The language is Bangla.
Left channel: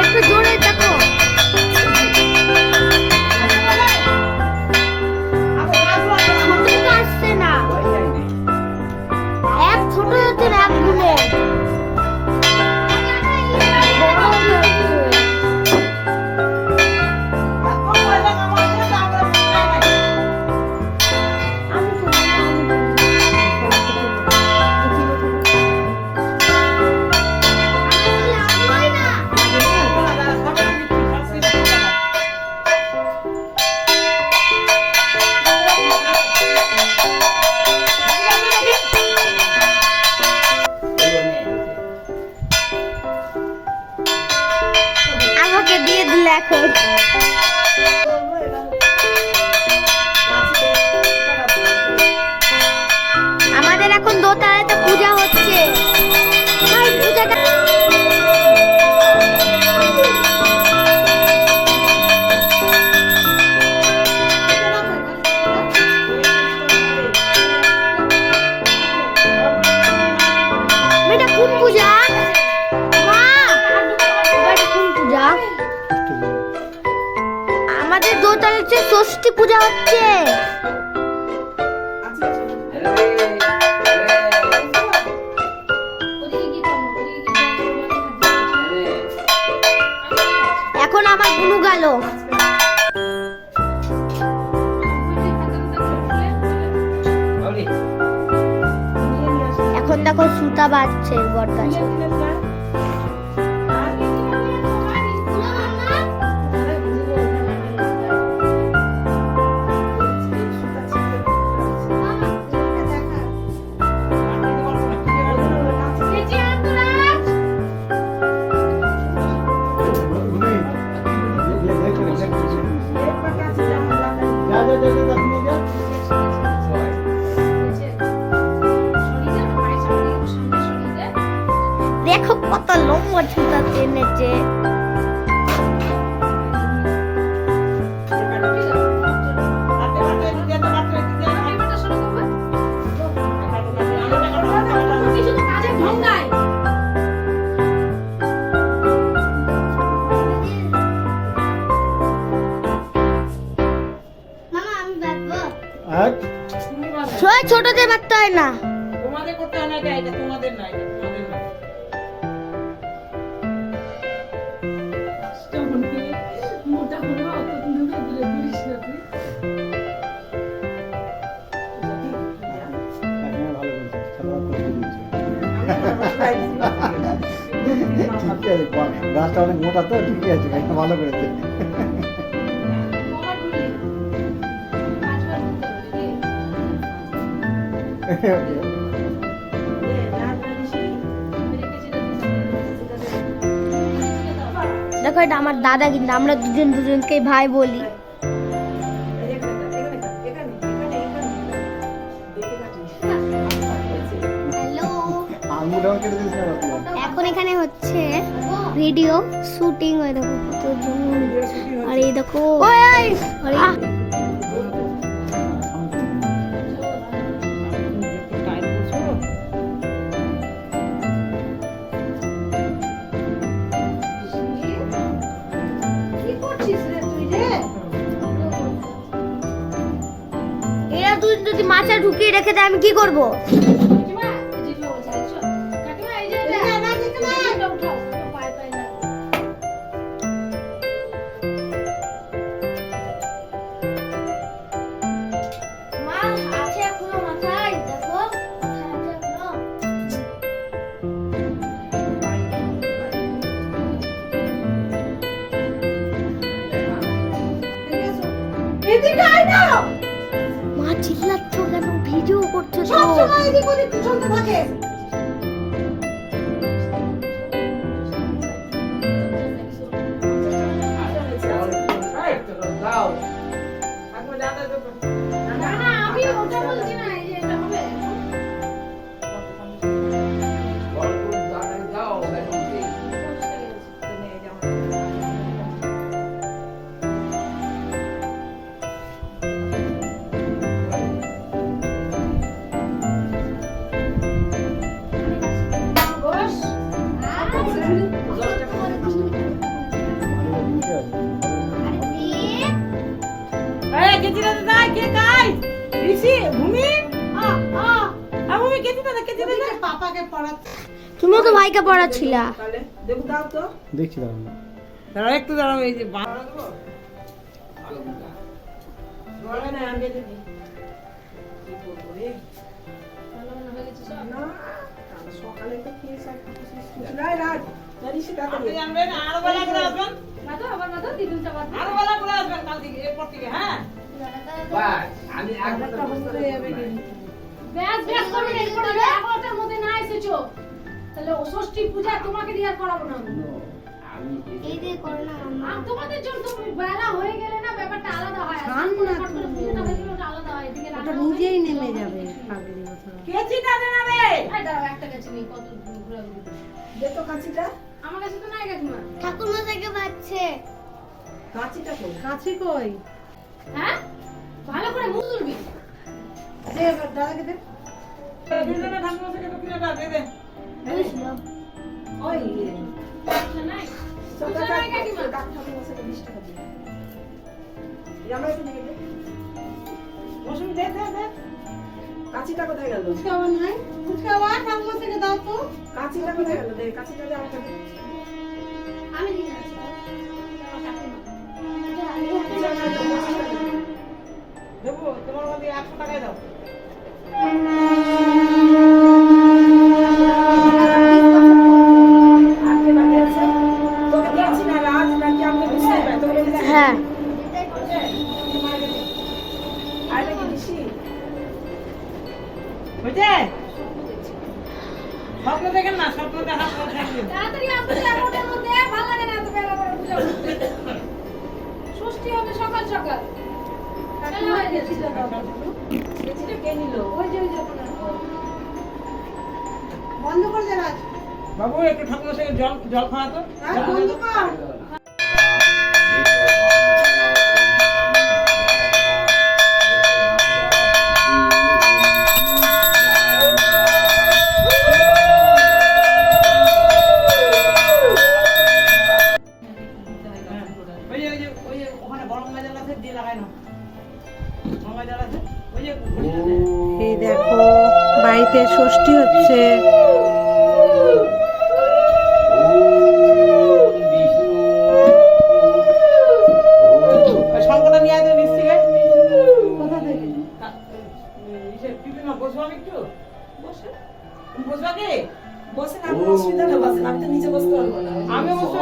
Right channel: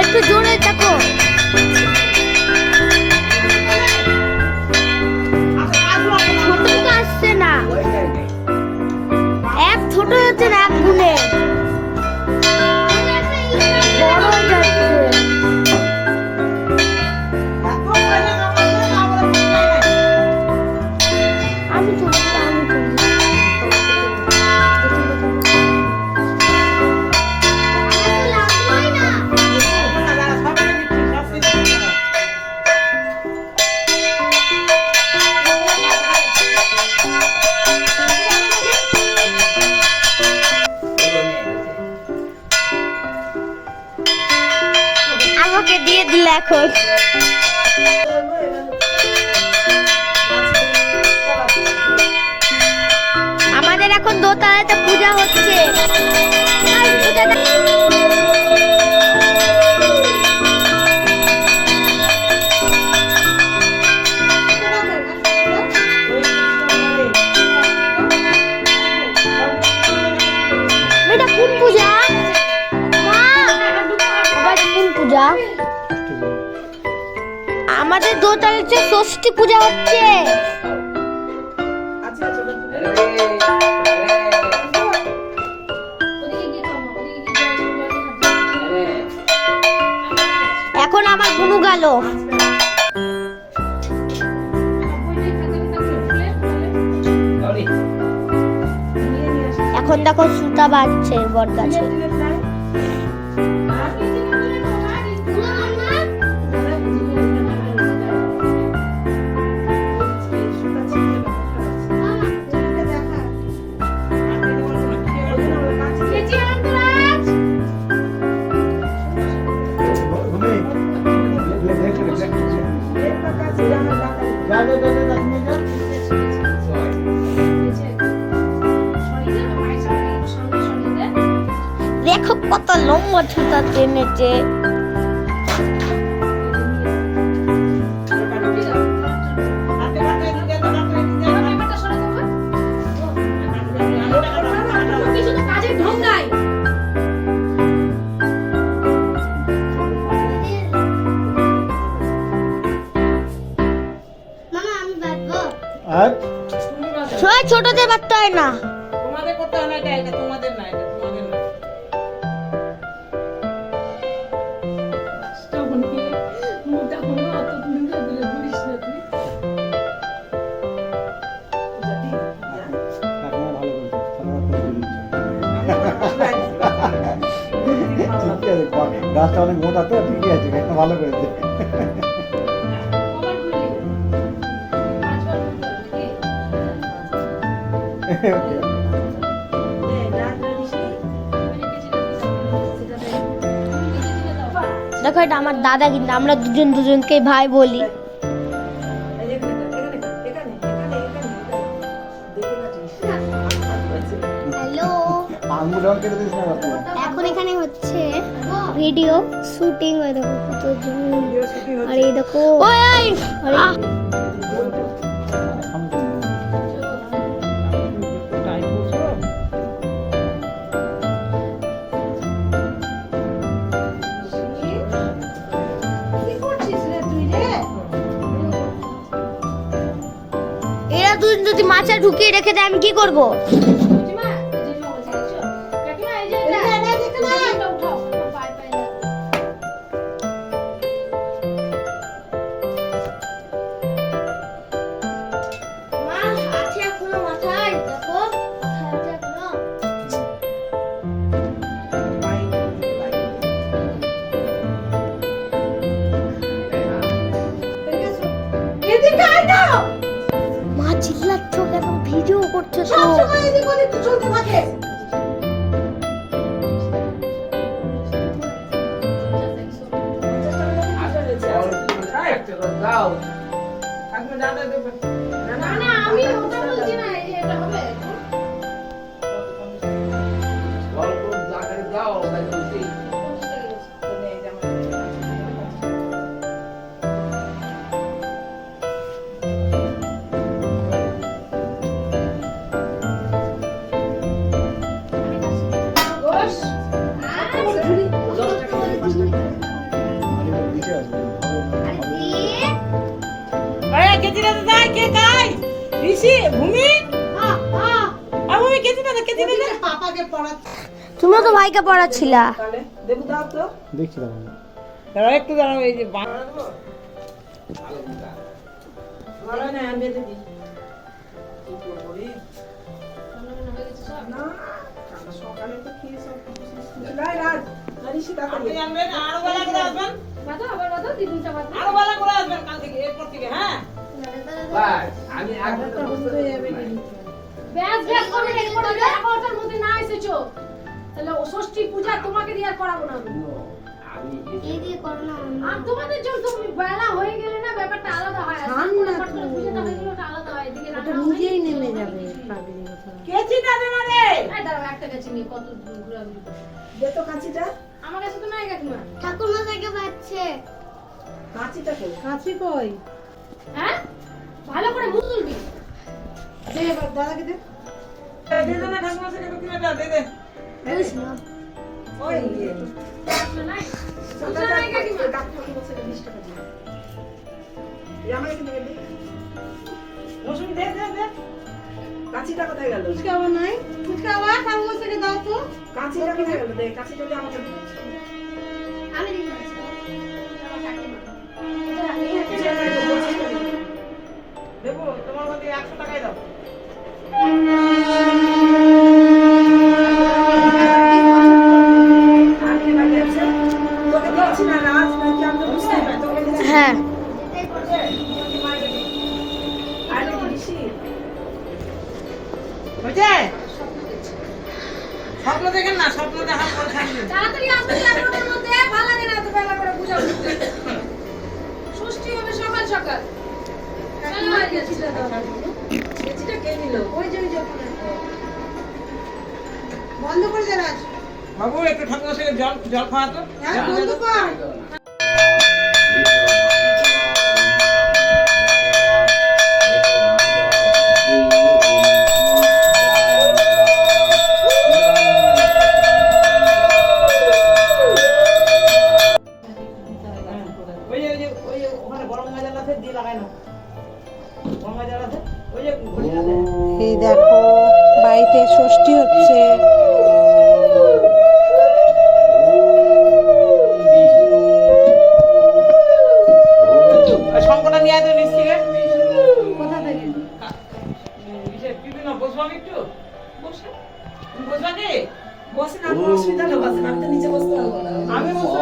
একটু জোরে থাকো। ছোটটা আসছে না, এক ছোট হচ্ছে না, এক গুনে বড় যাচ্ছে। আমাকে দিয়ে দিল এখন। আমাদের এখন দোতলাতে পূজা হচ্ছে। এটা কোন পূজা? কোন পূজা? আমাদের দোতলাতে ষষ্ঠী পূজা হচ্ছে। এখন আমার গুনু গেল। এখন দেখো সুতা বাজছে বট গাছে। দেখো কত লম্বা ছুতা টেনেছে। ছোটদের বাঁধতে হয় না, তোমাদের করতে হয় না, এটা তোমাদের না, এটা তোমাদের না। মোটা কোনো অত দূরে দূরে ঘুরিস না তুই। ভালো বলছে, ঠিক আছে, গাছটা অনেক মোটা তো, ঠিকই আছে, ভালো করেছে। দেখো এটা আমার দাদা, কিন্তু আমরা দুজন দুজনকে ভাই বলি। এখন এখানে হচ্ছে ভিডিও শুটিং, ওই দেখো কত জন, আর এই দেখো ওই এরা দুজন যদি মাছে ঢুকিয়ে রেখে দেয় আমি কি করব? মাছ আছে এখনো মাথায়, দেখো মাথায় আছে এখনো। এদিকে আয় না, মা চিল্লাচ্ছ কেন? ভিডিও করছে তো। সবসময় এদিক ওদিক চলতে থাকে। না না, আমি ওটা বলছি না, এই যে এটা হবে। গোশ, আলুটা নিচে আসবে এই কেজিটা দাই কে খাই ঋষি ভূমি আর ভূমি কেজিটা দে কেজিটা দে পাপাকে পড়াতে তুমিও তো ভাইকে পড়াচ্ছিলা। তাহলে দেবু দাও তো দেখছি দাঁড়ান। দাঁড়াও একটু দাঁড়াও এই যে বাংলা দেবো ভালো না আমি দিয়ে দিই কি করব রে না আমরা সকালে তো খেয়েছি নাই রাত ঋষি তাড়াতাড়ি আনবেন আরো বেলা করে আসবেন বাদা আবার বাদা দিদুনটা বাদা। আরো বেলা করে আসবেন কাল থেকে এরপর থেকে হ্যাঁ ব্যাস ব্যাস করবে না, এরপর হলে 11টার মধ্যে না এসেছো তাহলে ও ষষ্ঠী পূজা তোমাকে দিয়ে আর করাবো না আমি। এই যে করোনা আর তোমাদের জন্য তো বেলা হয়ে গেলে না ব্যাপারটা আলাদা হয়, আর ফটফট করে পূজাটা হয়ে গেলে ওটা আলাদা হয়, এদিকে রান্না নিজেই নেমে যাবে। কেজিটা দে না রে এই দাঁড়াও, একটা কাছে নিয়ে কত ঘোরাঘুরি করে। দে তো কাঁচিটা আমার কাছে তো নাই কাকিমা। ঠাকুরমা থেকে পাচ্ছে। কাঁচিটা কে কাছে কই? হ্যাঁ ভালো করে মুখ তুলবি। দে এবার দাদাকে দে দে দে না ঠাকুমা থেকে কিনেটা দে দে ওই নাই বুঝা নাই কাকিমা। কাঁচিটা কোথায় গেল ফুচকা আবার নাই, ফুচকা আবার ঠাকুরমা থেকে দাও তো। কাঁচিটা কোথায় গেল দে কাঁচিটা দে আমাকে আমি দিই না। দেবো তোমার মধ্যে 100 টাকাই দাও আজকে বাকি আছে তোকে দিচ্ছি না রাজ নাকি আমরা বুঝতে পারি তোকে দিচ্ছি হ্যাঁ আরে কি দিছি বুঝে স্বপ্ন দেখেন না স্বপ্ন দেখার পর থাকবে তাড়াতাড়ি আসবে 11টার মধ্যে, ভালো লাগে না এত বেলা করে পূজা করতে। ষষ্ঠী হবে সকাল সকাল। চলো হয়ে গেছে দাদা। চিঠিটা কে নিল ওই যে বন্ধ করে দে রাজ। বাবু একটু ঠাকুমার সঙ্গে জল খাওয়া তো হ্যাঁ বন্ধ কর। ওই যে ওখানে গরম ময়দান আছে দিয়ে লাগাই না গরম ময়দান আছে ওই যে ঘুরিয়ে দে এই দেখো বাড়িতে ষষ্ঠী হচ্ছে। শঙ্করটা নিয়ে আসবে নিচ থেকে কোথা থেকে? বিভিন্ন বসবো আমি একটু বসে তুমি বসবা কি বসে না অসুবিধা হবে আমি তো নিচে বসতে পারবো না আমি বসতে